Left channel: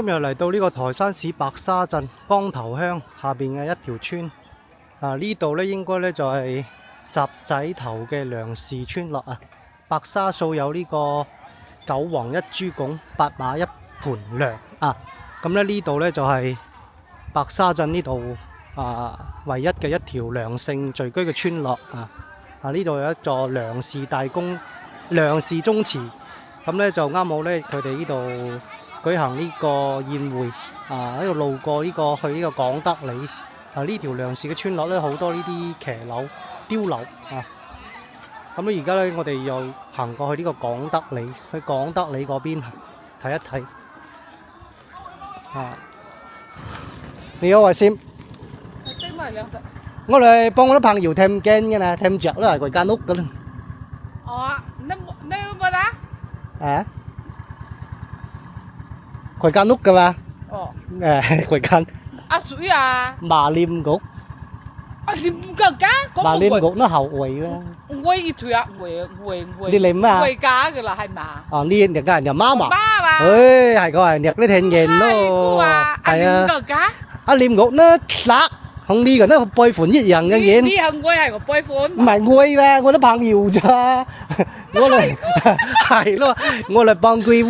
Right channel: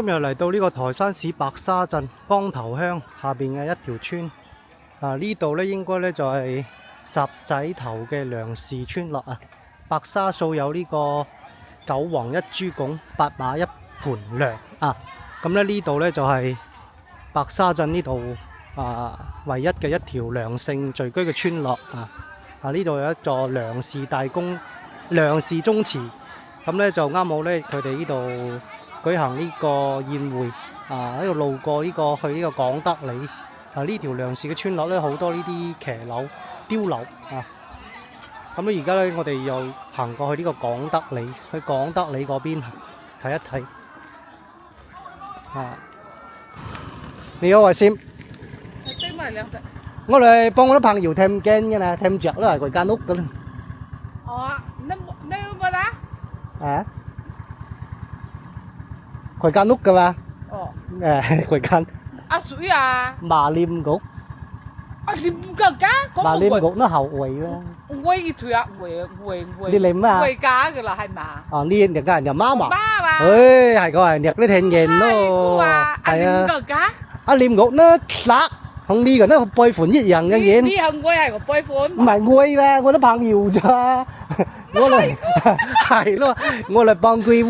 今日嚟到呢個台山市白沙鎮江頭鄉下邊嘅一條村，呢度咧應該咧就係閘仔頭嘅梁氏村落啊。白沙數有呢個九王一豬拱、八馬一盤梁啊。咁咧呢度咧就係白沙鎮呢度唯一嘅一條梁姓聚居嘅村落啊。呢度有一座梁氏大公、梁氏宗祠，咁咧就啱好咧佢哋呢度舉行呢個宴會喺度路過呢個去呢個廣德里呢條梁氏嘅村落咧，好多呢啲騎樓、碉樓咁咧而家咧我哋又行過去呢個廣德里，去廣德里嗰邊睇一睇你好，阿Sim，我哋幫我啲朋友thêm kênh嘅nè, thêm chợ đó là quầy can út đó. Quầy can út cơ mà. Quầy can. Suy à. Bà Liêm Gục. Liêm Gục cá. Bà Liêm Gục nó hậu quầy đó. Quầy thôi à, quầy. Đi liêm á. Quầy cá cái là hay mà. Liên được cái nhà má mà. Má mà. Ơi, hay coi nhật cái thêm nghiền đó. Hay Liêm Gục cá. Liêm Gục nó lạc. Không đi rồi nó bơi phun nhất dần cái gì. Đi không quay hay có bơi phun. Mày quay ra, tôi nó bằng nhiều cho. Tôi là hay đó. Tôi là bằng quay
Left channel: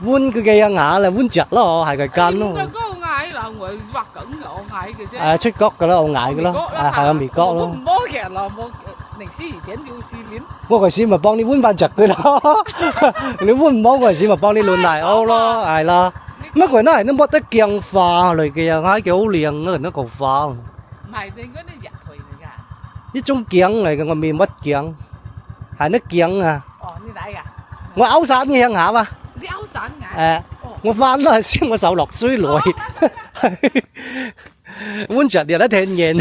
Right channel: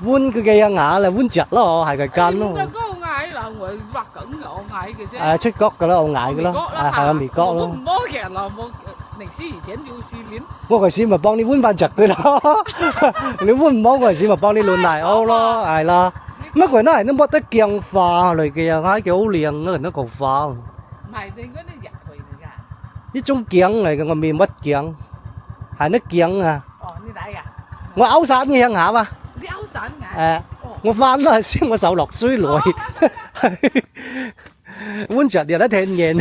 vun cái kia ngã là vun chặt đó, hay cái can đó. Có ngại là người vặt cẩn ngộ ngại kìa chứ. Chút cốc cái đó, ngại cái đó. Hay mì cốc đó. Một kẻ là một lịch sử tiến yêu sĩ lính. Tôi cái gì mà bằng đi vun van chặt cái đó. Nếu vun món cái gì mà bằng đi luôn này ô lo, ai là. Mấy cái này nó bắt tới kiêng pha rồi kìa, ngay kiểu liền nó còn pha. Mày tên có nó giặt thủy này cả. Cái trong kiêng này còn miền mất kiêng. Hay nó kiêng à. Như vậy à. Ngồi áo sản như hả mà. Đi áo sản ngại. Ngồi phan nó xem mà sầu lọc suối lội. Muốn chặt thì nó thêm nhện.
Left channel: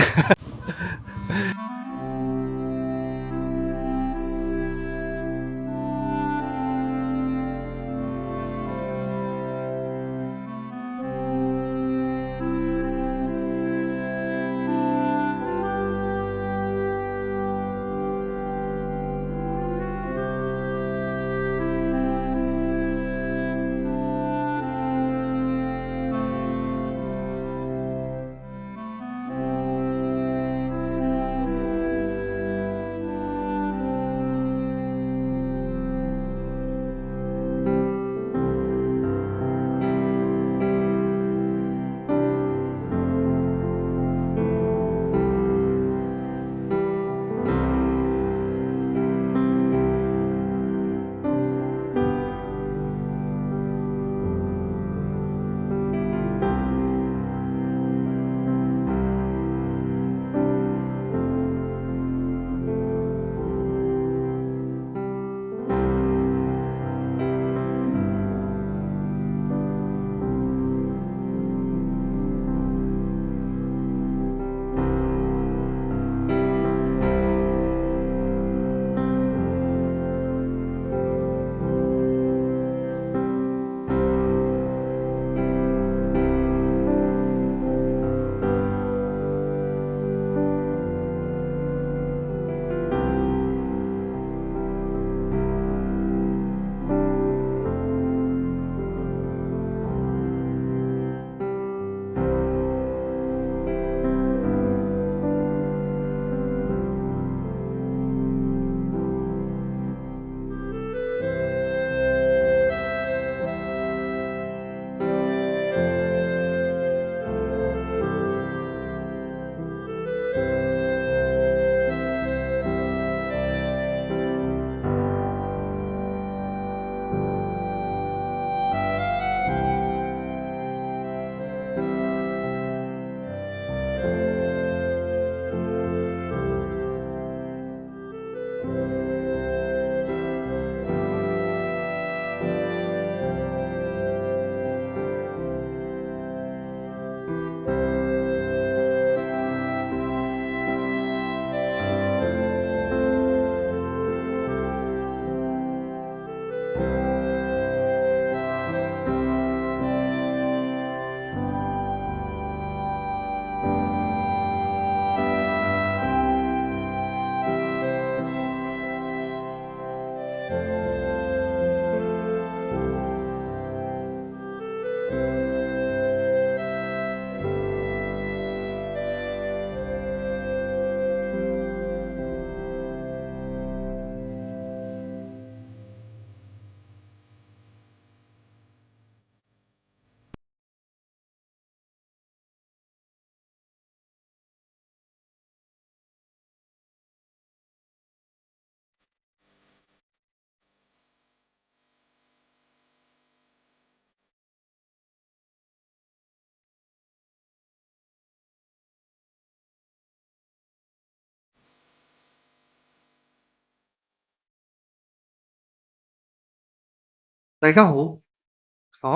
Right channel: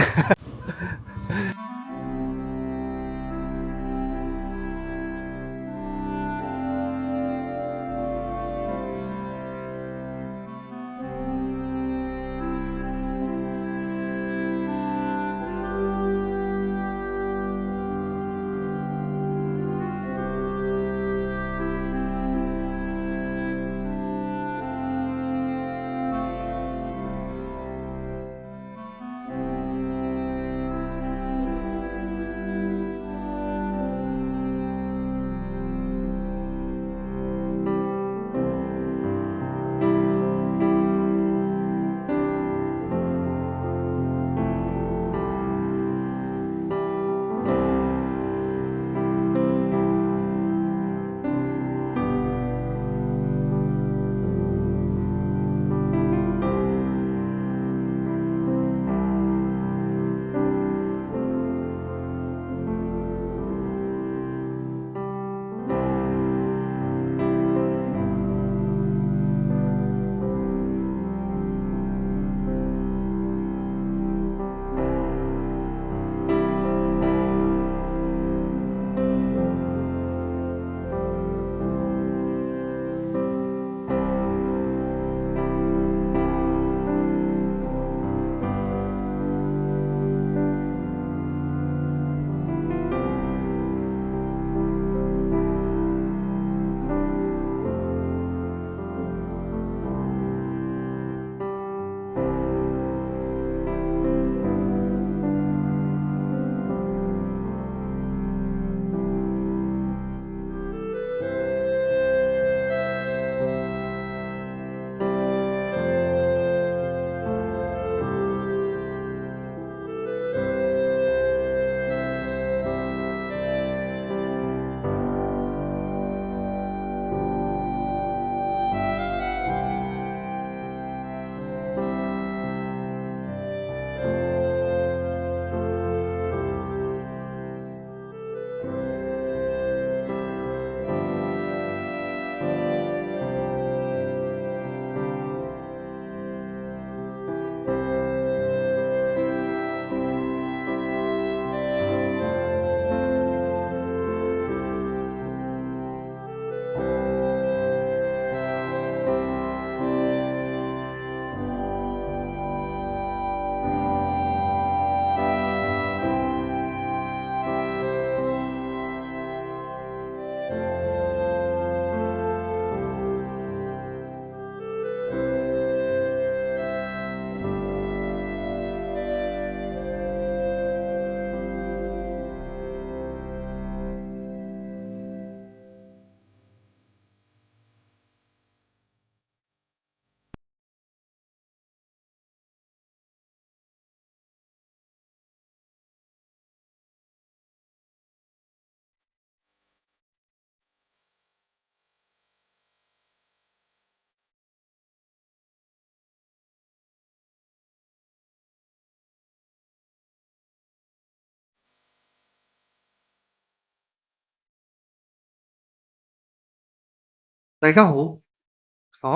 大家好，我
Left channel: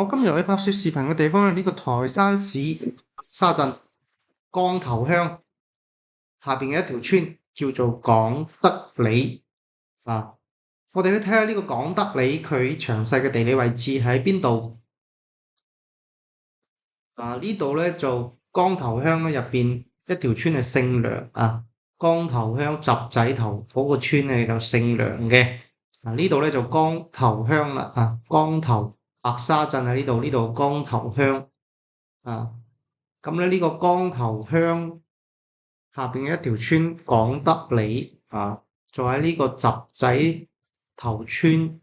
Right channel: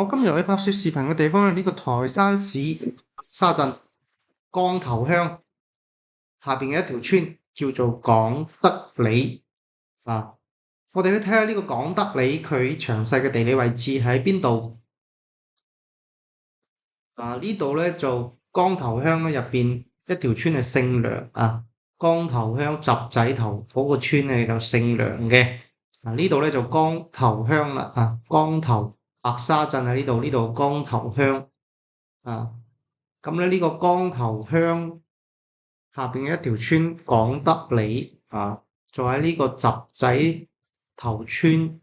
今日去拍攝視頻嘅地方係呢個台山市沙鎮江頭鄉下邊嘅一條村，叫做廣德里啊。我哋去睇下呢個廣德里佢詳細嘅地理位置喺邊度啊？呢度咧就江頭鄉咧入邊一條村係姓梁啊。江頭鄉集仔頭嗰個村咧就姓梁嘅。呢度咧就江頭鄉啦，江頭白沙鎮喺呢度，呢度江頭鄉啊。咁咧呢個江頭鄉下邊嘅一條村廣德里啊，就喺呢個集仔頭村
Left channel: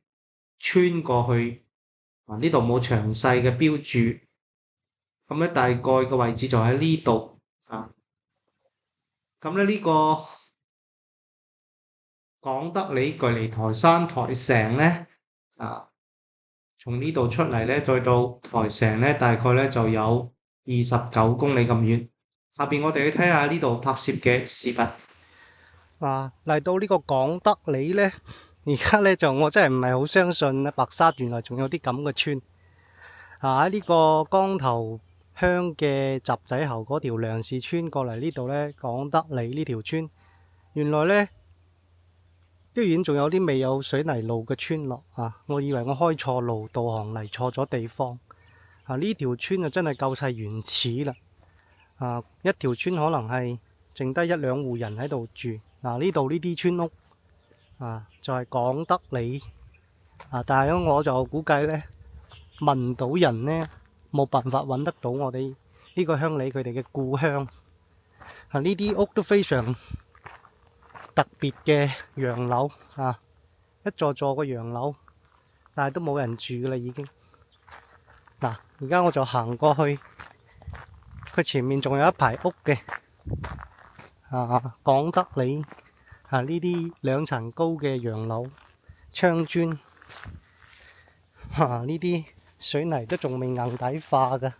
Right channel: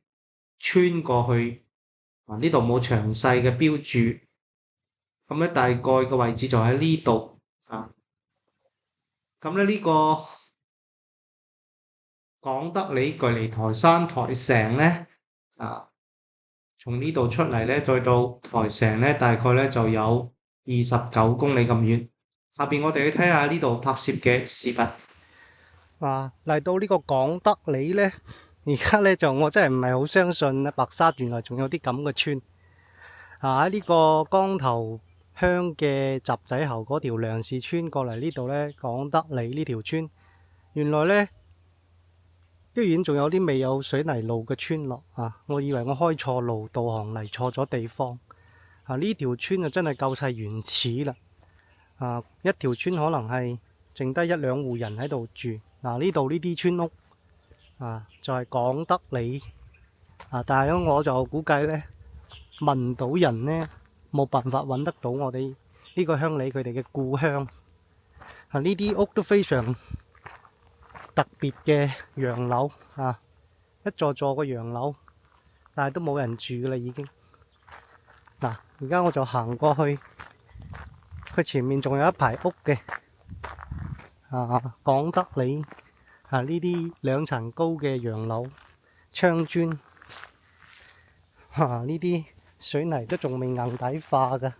穿過去啊。呢度冇詳細嘅標注，咁咧大概嘅位置就喺呢度啊。咁咧呢個廣德里距離台山台城咧從呢度出嚟咧，再到台城咧，大概咧就有29公里咁遠。下邊我哋去睇下呢度拍攝嘅視頻。嚟到呢個廣德里咧，而家咧就我真係唔係好相信咧，白沙原來仲有啲咁嘅村。喺呢個江頭鄉嘅集仔頭嗰條梁氏村過嚟呢度咧，廣德里呢條村，原來咧居然仲有啲未有水泥路嘅村落啊！我以為我開錯路，導航嚟錯咗地方。呢條村就真係夠晒原始啦。一條村可能係剩低1-2戶人喺度住。呢度呢啲村屋就係廣德里但係我就估計呢，問唔到人呢，冇辦法揾得到我哋呢個鄉里佢哋嘅故鄉。呢啲屋都非常特別嘅洋樓一座座嘅洋樓，但係都冇人住噶啦已經。而家我就行過去，佢前面仲有一排屋嘅廣德里呢啲2層高嘅洋樓，窗磚呢啲水泥都仲未硬底化噶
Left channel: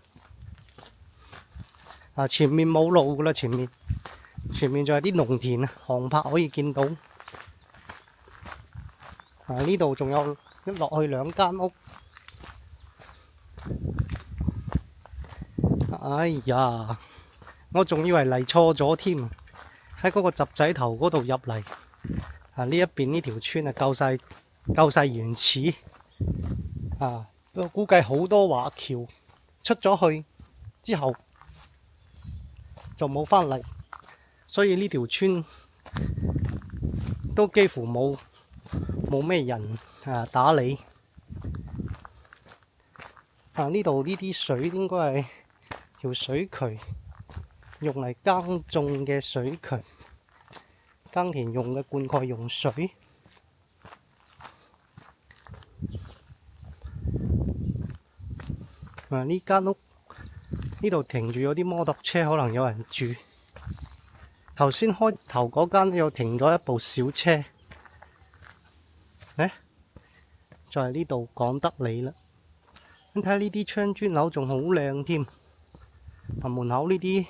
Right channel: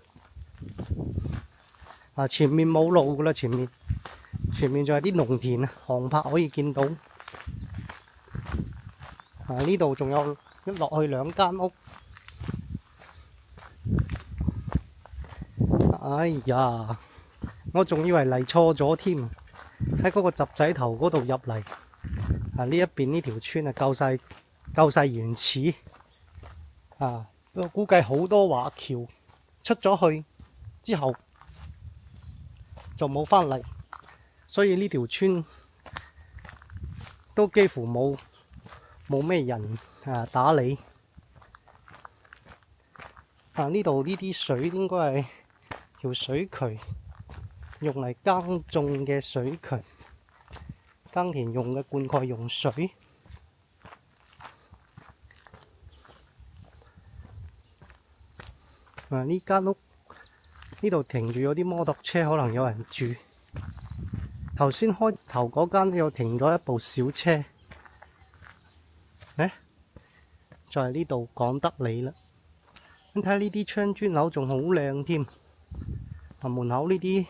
前面冇路噶啦，前面仲有啲農田航拍可以見到。呢度仲有一落去2間屋。哎呀，我仲以為嚟錯咗添，喺嗰個集仔頭嗰度入嚟。呢一邊呢條村夠晒原始我估計好多華僑出咗去之後就冇返嚟，所以呢條村都幾乎冇咩人打理。呢度呢啲水應該係條水渠，用嚟耕種嘅水渠，耕田用嘅灌溉用水。呢間屋呢度停住有啲摩托車，可能有人住。頭先開頭嗰間又停咗一部小車。就係呢度廣德里啦。你睇下呢啲窗磚樓仲好靚添，門口呢啲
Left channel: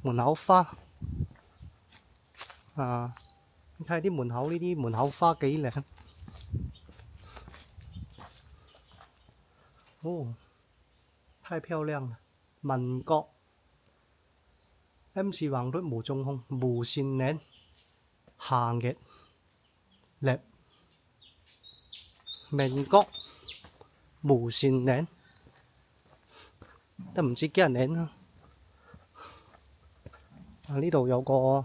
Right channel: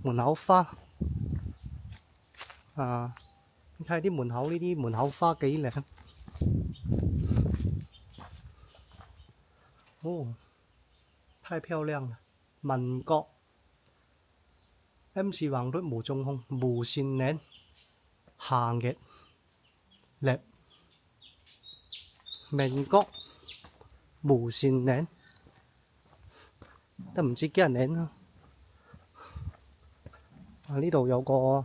門口花你睇下啲門口呢啲門口花幾靚。太漂亮了。民國 MC 黃率無中控無線嶺行嘅叻民國無線嶺都唔知幾人嶺呢度有個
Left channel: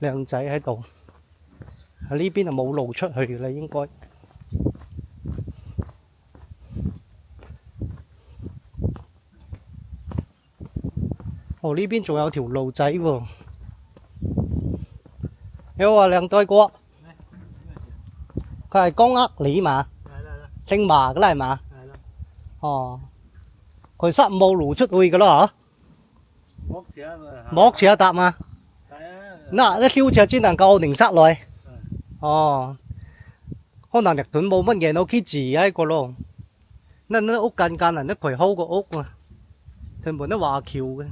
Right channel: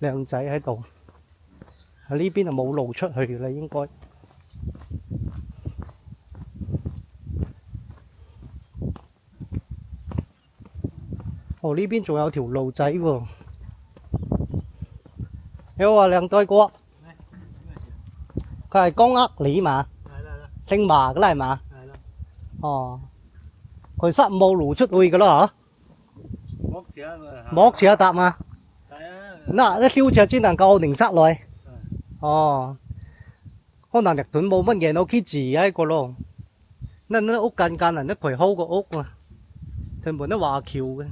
靚仔喺度。呢邊就冇路出去嘅啦，應該。呢邊仲有條路仔喎。你好啊，靚仔哥。佢係江德里嘛？姓馬嘅啦係嘛？佢塞冇路出去嘅咯嗬？摸車搭嘛？嗱，啲吊車只能夠零塞內。可能日本冇乜嘢，我屋企住喺個咯。嗱，屋間人都陪好個屋全部都華僑嘅。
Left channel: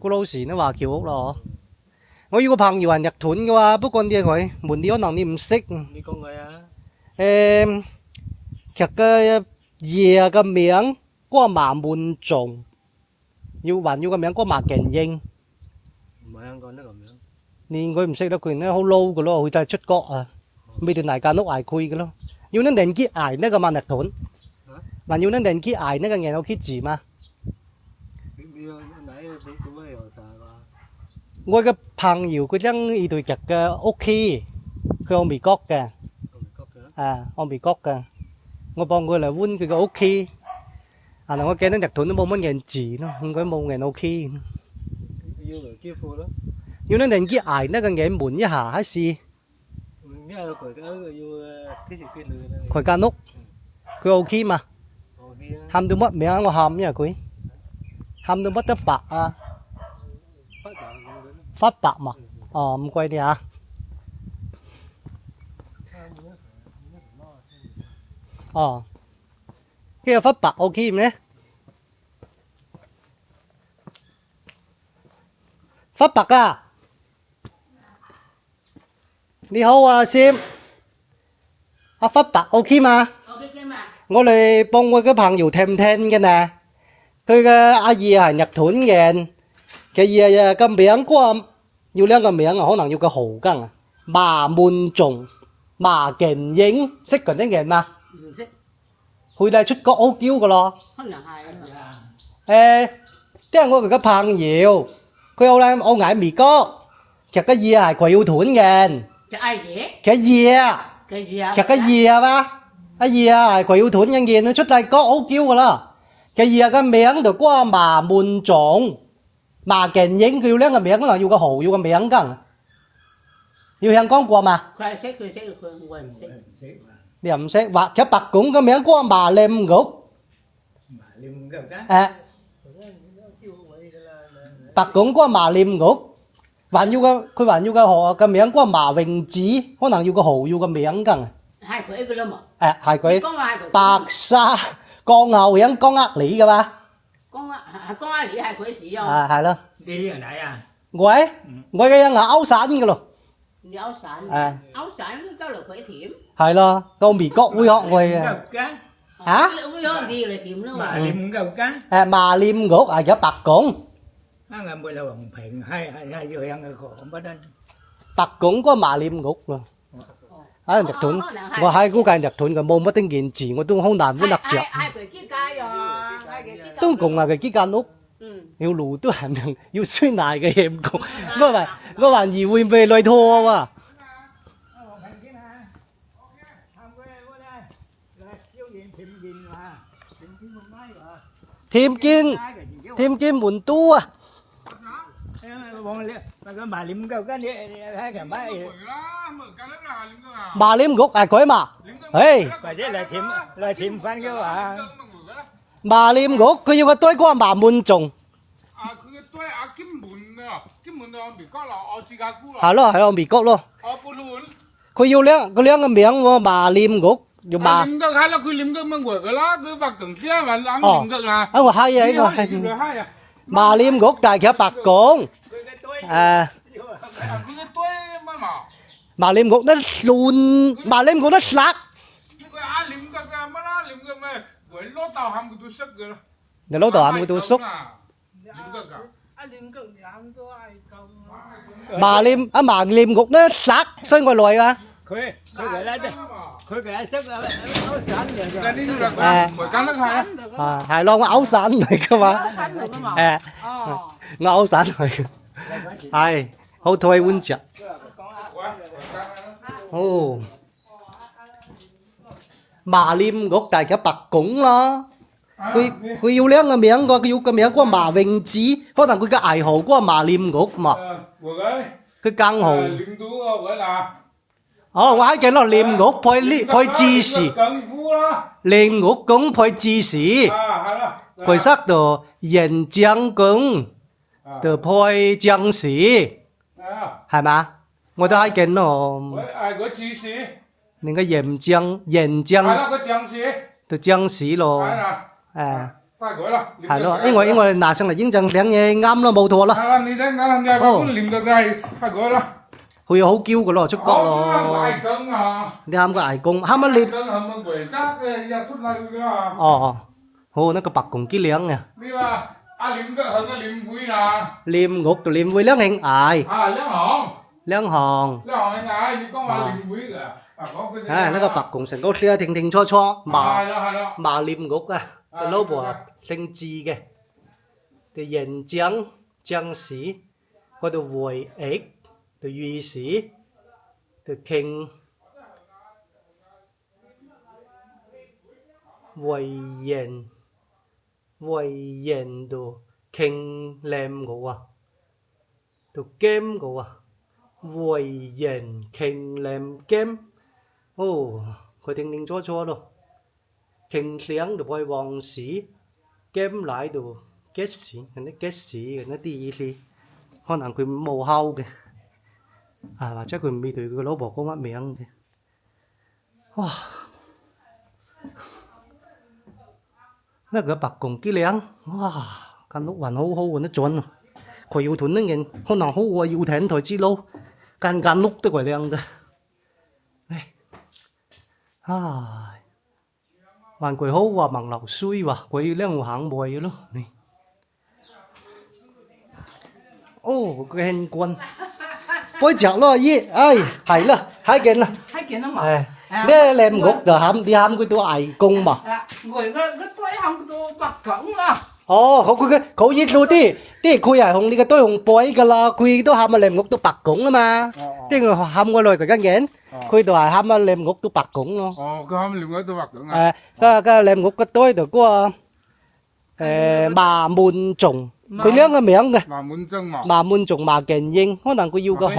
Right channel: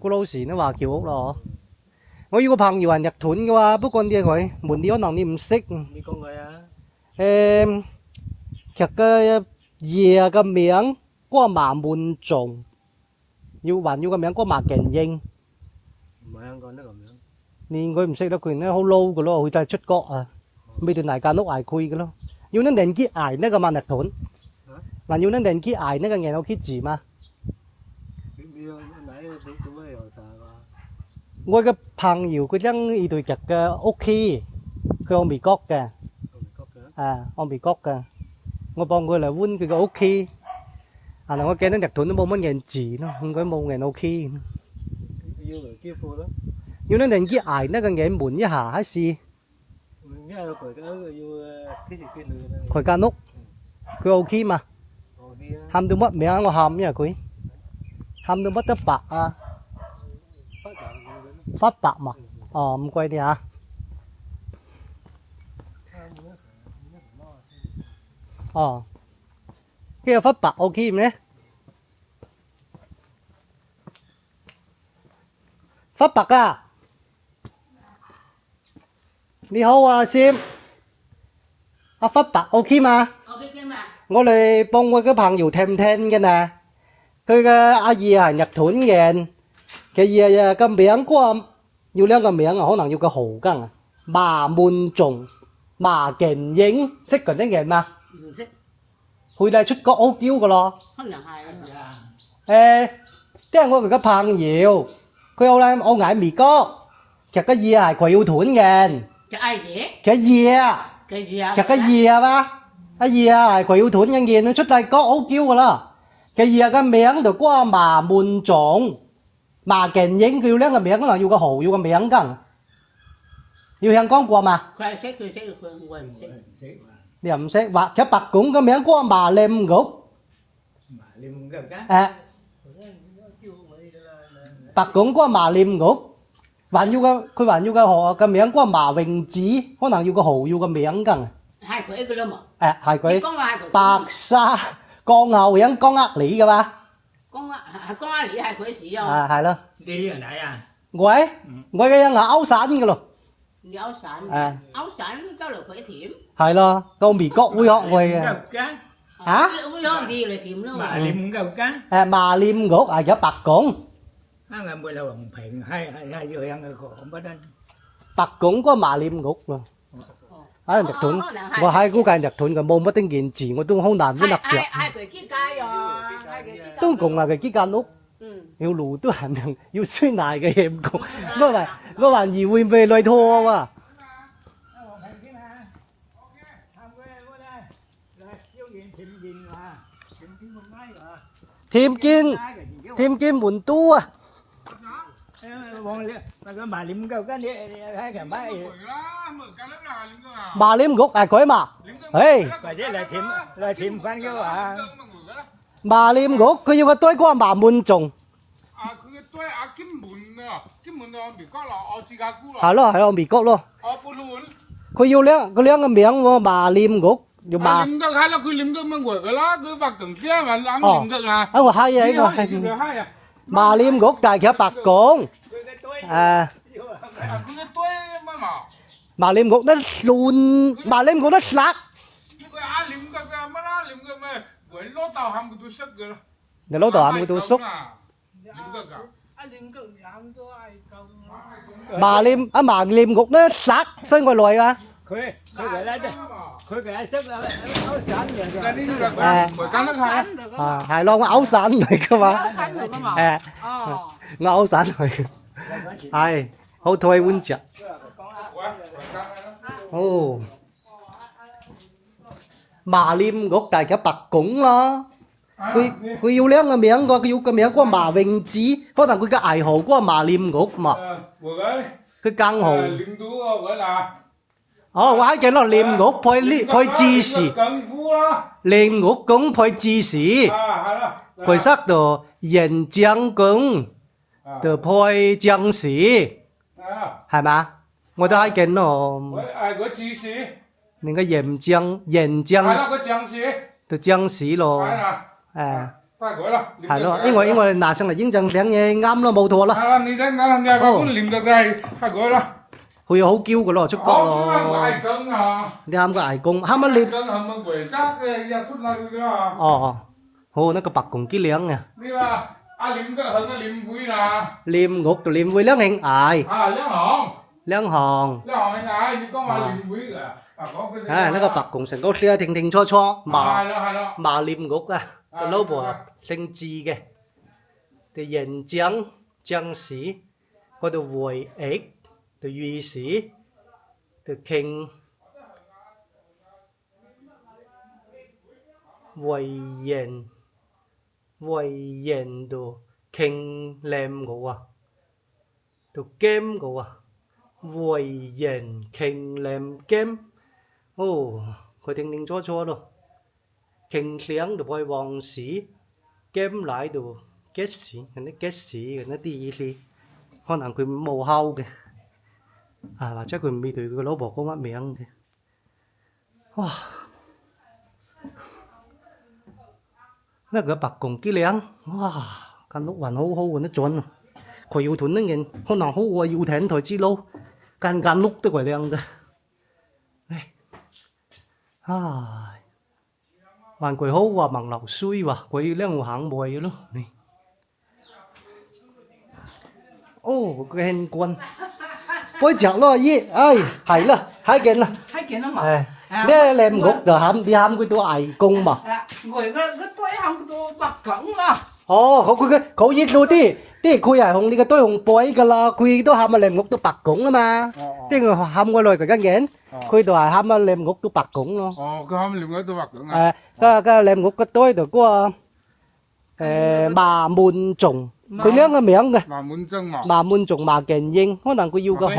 古老時都華僑屋咯。我有個朋友係日本嘅喎，不過啲佢門啲可能你唔識。你講佢劇嘅爺嘅名光麻滿重，還要個名光麻勁英。唔係香港得咁樣。你佢唔識得佢咧，好 low 嘅咯，佢就係出國啊，未斷捱間屋捱佢嘅咯。要你年紀捱呢個萬力屯，還要你年紀捱呢個人有啲字嘛。我嘅朋友佢將呢對劇嘅屋企，佢喺美國嘅，喺美國嘅，我幫佢嚟換佢嘅屋企。嗱我見到日屯都冇乜人字咯，應該冇人 OK。要嚟支付咯。要你年紀捱呢個嘢悶一下還是？佢間屋，佢 OK 嘛？喊到乜名我喊咩佢？喊到乜得白啊？發白嘛？哦唔貴啲啊。哦，cái là phát bạc ok nhé. Phát bạc à? 你好啊，Sim。發白 ok 嘛？ OK 嘛？我哋幫我個朋友聽嘅nè。佢嘅阿爺係日屯嘅，嘅爺個名個要兩個名，可能要個豪根麻滿重、麻勁英，識嗰啲人嘛？唔識。佢哋出國好嬌㗎咯。可能係啊。即係我哋個朋友，佢好咧，我喺美國，其實個爺係佢要屯嘅。嘅阿爺？嘅爺啊，嘅爺啊。其實個爺啊嘛，阿爺啊係佢要屯嘅嘢，佢出大國好嬌㗎啦。嘅爺個名就過麻滿重、麻勁英，佢要兩個名，可能要個豪，要個名㗎。要香港過嘛？佢係識，佢我唔識。你又唔識，或者白拱個名過麻廉谷。白拱過麻廉谷，還要個佢還要個豪個名過麻榮子，可能要個豪，要個名㗎。係佢㗎啦嘛。係佢。講話係佢。白沙江後響江呃里㗎嘛？江呃里係佢使用。係咯。你喺哪啊？我嘅人係歐省㗎咯。你歐省？歐省都嚟佢甜。係咯，到美國會學我嘅。嚇？會學啲嚟甜咯。麻廉夠間。麻廉谷係叫白拱。啱啱冇啦黃平，係要向佢講乜咧？白拱嗰麻廉谷喎。喺日屯，我喺嗰間日屯嘅冇乜啲件字，我都好難揾得着。係佢幾街啊？都共係佢幾間屋。要路都係要酸奶嘅嘢唔講，我還以為被來拖啊！添見門都啊！麻廉谷係佢嘛？麻廉谷佢要個堆嗰個麻滿重。佢嘅堆金門啊，金門到美國啦，芝加哥啦。係咯，喺美國咯。布魯。佢要兩個名喎，麻廉谷。麻廉谷係啦，佢廉谷乜鬼㗎啦？佢白同先還冷廉谷啊。我係啊，呢個係。麻廉谷但係佢白拱。佢嘅堆乜嘛？麻廉谷得亂，麻廉谷得殺。佢阿廉谷嘅乜啦？廉谷咩？佢攞豆冚佢都識㗎啦。你攞豆冚佢都熟。麻廉谷咧殺所以我來啊！佢係識歐省嘅。係咯，我歐省嚟噶嘛。我歐省嚟嘅。係好台灣食。哦，麻廉谷大家白拱咯。佢要兩個名個，佢要個名嗰個麻榮子，可能佢嘅愛好嗰個麻廉谷嘛。佢更好。哦，我喺見到廉谷配芝士，廉谷公配芝士，佢識到鹽醬公，就配醬士，係嘛？我都喺見到。你個鹽醬，就醬士咯。係咯，因為拿上嚟應證兩嘢啱咯，冇錯啦。係啦，你睇啱嘅，咁廉就係佢啦。佢又好嬌噶咯，出國 Ai 咯。 cân à? 你喊個矮公，喊乜你？ Cân hầm bằng quỷ sát ra xuất lại cơ à? 哦，好，那個白公幾靚啊！ Đi mà, liếm cái hầm liếm vui nè. 臉ngục就臉會靚hình ải， À, liếm hòn. 靚行。 Liếm hòn anh ai, đi có mà liếm vui cả. À, có cái 唉，那個白公成個寫停停錯錯， Hai 麻 đó, hai đó. 麻臉ngục啊，個老婆姓字嘅，就人將將士，嗰度會役，就御史，就傾為人度傾靚我啊，就 game 我啊，為人傾靚 game， 哦，佢停停錯錯咯。傾tiếng được bồi vòng sĩ kiếm lại được kết sĩ nó kết sĩ nó đi gì con nàng quyền màu hao kìa à và chắc quyền bị tụi cái lỗ bỏ con mắt miệng kìa wow nó cái bạc cùng cái liang wow căn lúc hoàn hô hô nó chuẩn khỏi yêu thuần nó nhìn con nàng hô qua yêu thẹn thôi chứ lâu căn lúc tới khỏi liang kìa này à hoàn quỷ hố và bằng lọc suy và quỷ lên một hạng bồi luôn này ô cái hình quân bối chặt lo gì ai hay là hai kiện là Hai kiện đó mà. để làm ngục rồi hàm đi hàm cái tôi ai cung mà Người cái tuổi không tôi bạc cẩn đó. ồเขายิดดูที่คุยอ่ะของนี่ก็ตัวของปอยกันละคุยตัวหามมาเล่มงกตัวปักกงมาที่ก็หามก็เลยกับกันเงี้ยคุยตัวหามมาเล่มงกตัวปักกงเนาะ Cái hầm liếm cái tôi bạc cứng à? ก็เล่มงกก็ตัวตัวก็mà muôn trùng佢兩個名嘅 Mà muốn chân mà. 嘛滿族嘛勁英，可能佢要個號。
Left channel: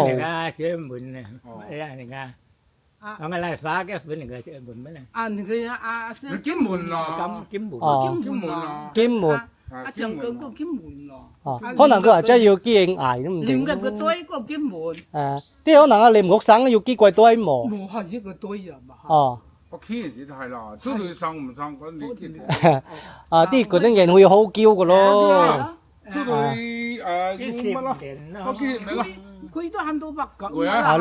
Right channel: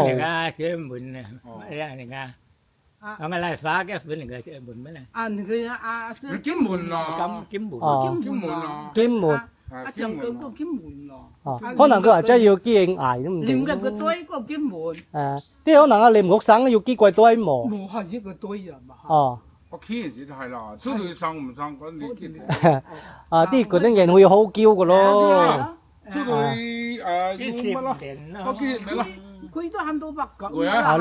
sẽ mượn này ra này nga ông lại phá cái phần này sẽ mượn mấy này Người Nó kiếm mùn à? kiếm bùn Kiếm mùn à? 兼門， chồng cơ có kiếm mùn rồi. 可能佢話真係要見捱都唔 Liếm 定。 cái tuổi có kiếm mùn. 啲可能啊，你唔屋省要幾貴多毛。 Mùn hay cái tuổi rồi mà. 哦， Có khi gì thay là, chứ tôi sang không sang có lý kiện. 啲嗰啲人會好嬌嘅咯。 Chứ tôi cái dùng xịp mà lo. đèn Có nó khi đấy là. Quỷ tôi ham tôi bạc cẩn. Quỷ á?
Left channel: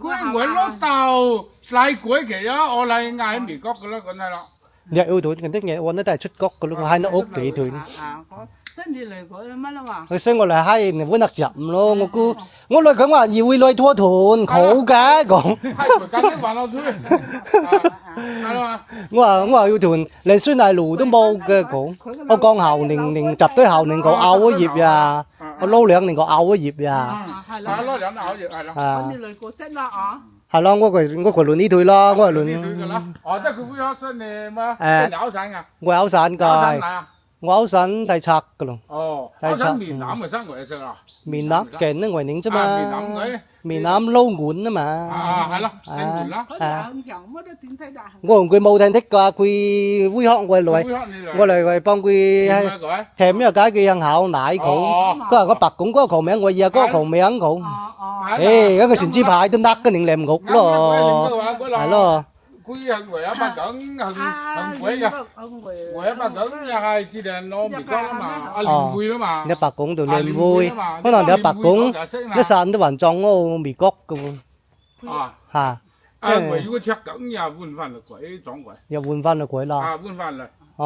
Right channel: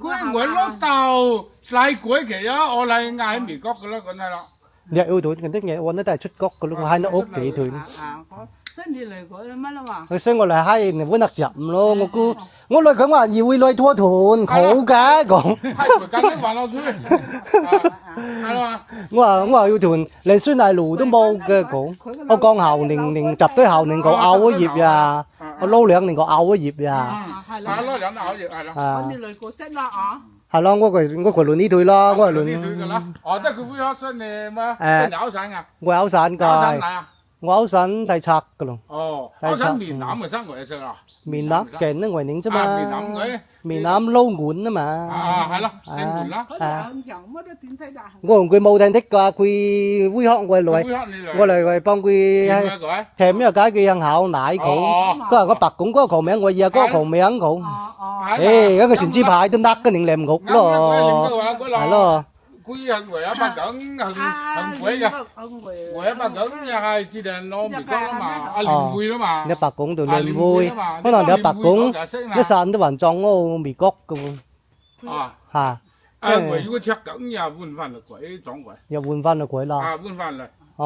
Quỷ quỷ lúc đầu lại quỷ kìa, ở lại ngay Mỹ Quốc cái đó cái này là. 你yêu團嗰啲嘢，我都係出國嘅咯，我喺度屋企團。 Sinh đi lời gọi là乜là mà. 佢所以我嚟喺你揾得入咯，我估我嚟佢話要會來拖團，好嘅講。 Hai quỷ cái đấy vào nó dưới. Hay là. 我話要團，連孫大路都冇嘅講。我講後年集堆後年個拗一葉呀，我撈兩年個拗一葉呀。 Hay Mà là. nó làm ảo gì hay là. 啊 Con đi lời của sách là à. 係咯，我輪呢隊啦，我係 Đi từ cái 輪 đó. Tức cái vui hết xuân này mà. À. Cái áo sáng à? 我考散 Áo sáng 㗎， lại à? 我考散睇冊㗎咯， Áo sáng miền Nam mà sang ngoài sao à? 面攬勁都為寧啫 À, miền Nam 嘛， ấy. 面攬撈碗啊嘛。 À, hay là. Anh buồn lắm. Có thể ông chồng mới đã tìm thấy đại. 我同佢冇聽的㗎，佢會學我嚟， Vui hết như vậy. 我嚟幫佢 Tìm 係 ra rồi. 係咩解佢向考奶佢，佢話個白拱嗰個球名我意啊，嗰個球名佢， 誒嗰個成支牌都得嘅，你唔屋咯，係咯。 Quý hành quẻ ba cẩn hành quẻ kìa. Quẻ ba cẩn nhà ai chỉ đèn nó bị có mà liền vui đó mà. 你白拱度你vui，可能你白拱一散都還撞嗰味角嘅喎， À. 嚇， À, quẻ如果chắc cẩn nhà vun phan là quẻ撞quẻ. 又換翻個鬼啦。 À, vun phan là. Chỉ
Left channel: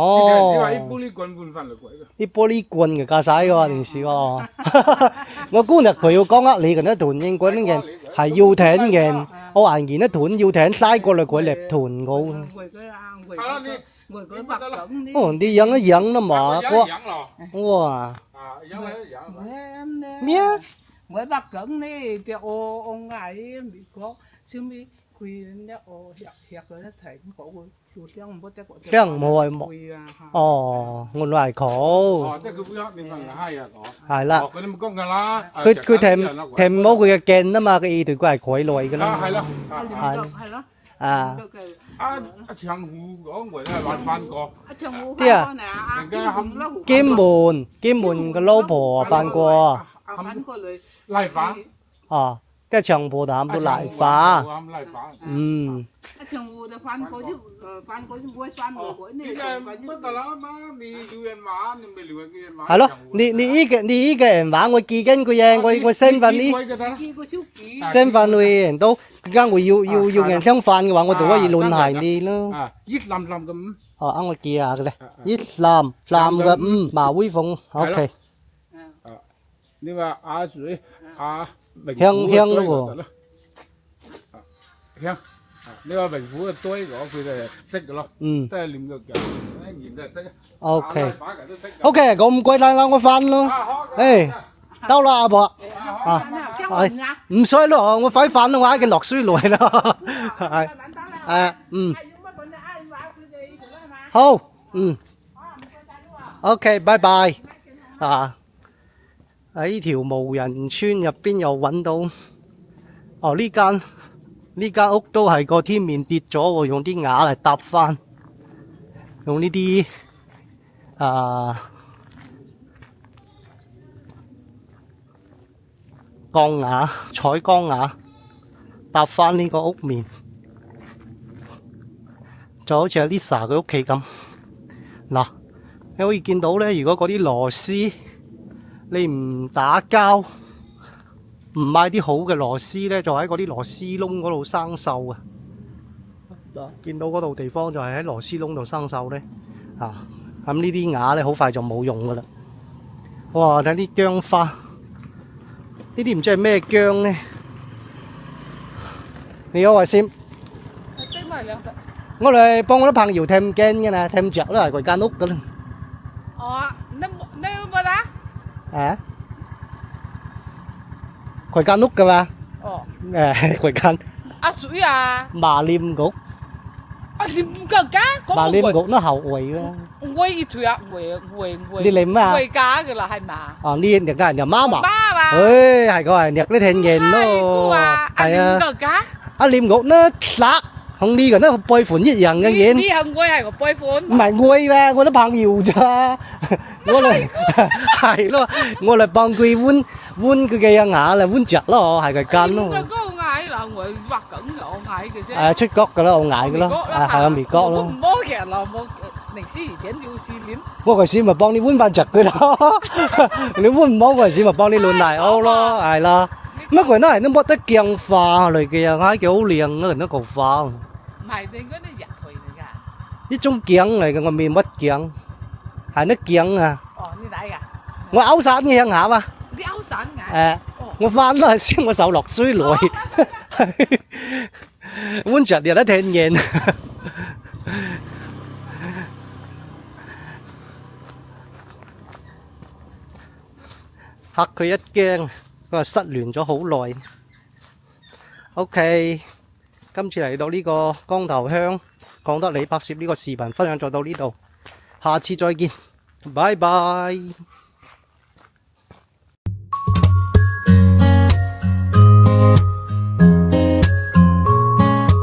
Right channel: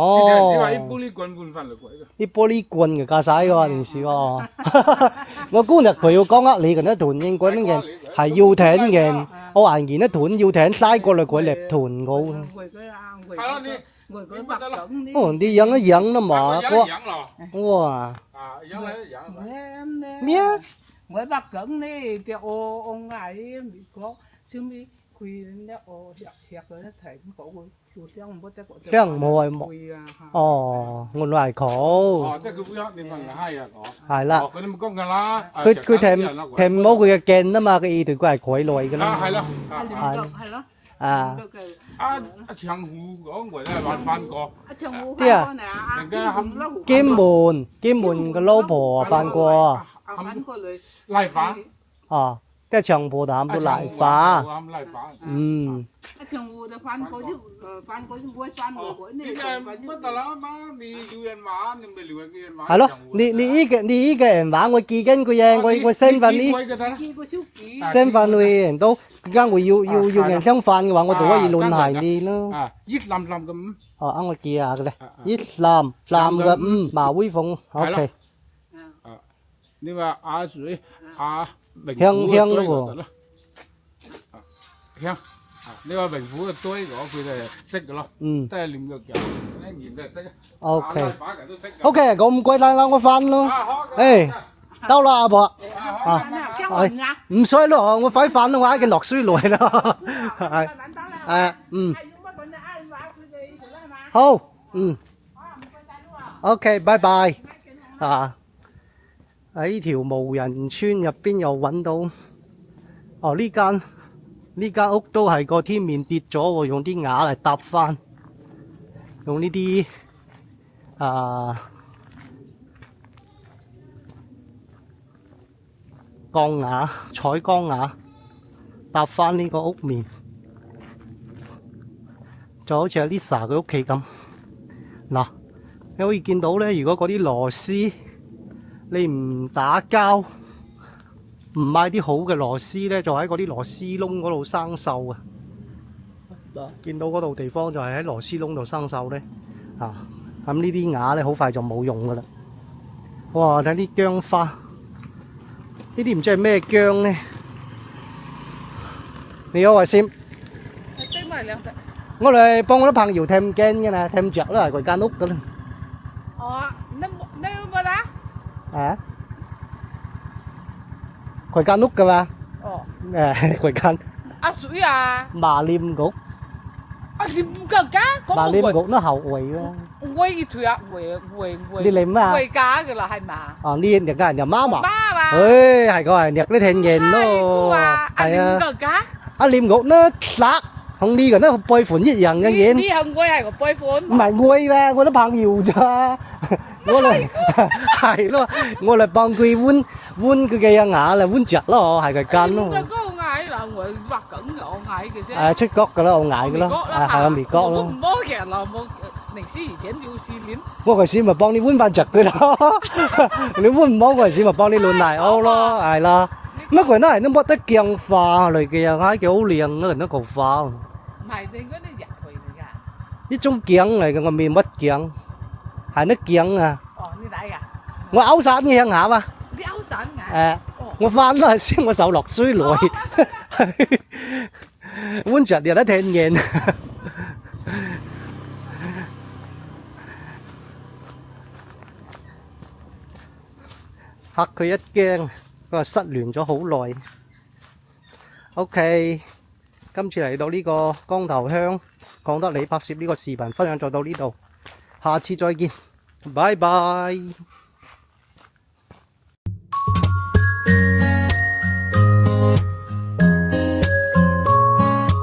là ít 哦， 玻璃棍vun phan là quẻ kìa. 啲玻璃棍嘅駕駛嘅喎電視喎，我估日佢要講呃你嘅一團應嗰啲人係要艇嘅，我還見一團要艇拉過嚟佢嚟團我， Người cái À, đi. người cái bạc cẩn đi. 哦啲樣一樣啦嘛， Dạ, 哇 dạ rồi. 哇 À, dạ, dạ. Người em đi. 咩啊？ Người bạc cẩn đi. Việc ông ấy bị có. Chứ bị quỳ nhá ô hiệp rồi nó thấy cũng khổ. Chủ tiếng một cái cổ. 這樣冇係冇， Quỳ à. 哦，原來係佢， Ờ, thế cứ vui hết nên phần là hay à. 係啦， Ờ, cái này mà có cái lá. 佢停冇佢嘅鏡啊嘛，個意圖佢係佢來嘅 À, 啦， hay lắm. À, liếm Hay. cực, hay lắm. 啊。 Cực, cực. À, chẳng hù có người là bạn phan có. À, chồng hú Thế à? con nè, Đừng kiếm cái hâm- hú là hú 兼門個老婆扮過， À, bắn過嚟. Lại phán. 哦，即係長湖淡到瀨化。嗯。長湖就翻過啲會翻過嗰啲。乜得啦嘛？你要人玩，你咪撩人嘅玩。係咯，你依個人玩我記緊佢嘢，我 send 翻啲 send 翻去人都，而家我要人相反嘅話，我就可以亂係你咯。啊，熱冧冧咁。哦，啱我記下嘅咧，熱冧嘅馬威鳳 ，OK。你話阿水阿香咯喎。香。你話名虎嘅堆我佢哋係識嘅咯，都係念藥嘅，一年都係識。OK，咁唔該晒我翻咯。誒，到啦阿婆。啊，係唔使咯，我快翻啦，我已經落水來啦。係，好，OK，拜拜。啊，喺條無人村入邊又揾到，哦呢間屋都係個天面跌咗喎，用啲瓦嚟搭翻，用呢啲鋼瓦、彩鋼瓦搭翻呢個屋面，就好似阿 Lisa 嘅屋企咁。嗱，你可以見到咧，如果嗰啲螺絲你唔打膠，唔買啲好嘅螺絲咧，就喺嗰啲螺絲窿嗰度生鏽啊！見到嗰度地方就係喺螺絲窿度生鏽咧，咁呢啲瓦咧好快就冇用噶啦。哇！睇啲薑花，呢啲唔知係咩薑咧？你好，慧先，我嚟幫我啲朋友thêm kênh嘅nè, thêm chợ là間屋噶啦。佢間屋噶嘛？佢間。阿水啊！麻廉谷。廉谷㗎？麻廉谷nó hậu quỳ đó. Quỳ thôi à? Đi liếm à? Quỳ cá㗎là係嘛？呢人家人就媽嘛。媽嘛。係個係掠啲聽見咯。係啊。阿廉谷nó lạc，同呢個都背款一樣嘅嘢。呢係我係個背款。唔係我咩？我啲朋友咋？我嚟係咯，我嚟幫佢換佢嘅牙啦，換隻咯，係佢間咯。嗰個牙là我畫緊嘅，我牙嘅啫。出角嘅啦，我牙嘅咯，係啊，眉角咯。我唔摸嘅，我平時以前要試練。我嗰時咪幫你換翻隻佢咯，你換唔好嗰時咪幫你亂嚟好咯，係啦。乜佢都係都冇得鏡化嚟嘅，牙幾好靚咯，人都講化。唔係，你嗰啲人嚟㗎。呢種鏡嚟嘅，我未乜鏡。係nó kiện à. Như vậy à? 我勾散嘅向下嘛。啲勾散㗎。我翻都係先我手落水來。碗著又得聽見。嚇佢一驚，佢話失聯咗好耐。OK， 今次嚟到呢個光頭鄉，講得你拍攝呢個視頻分享就到呢度。下次再見，拜拜。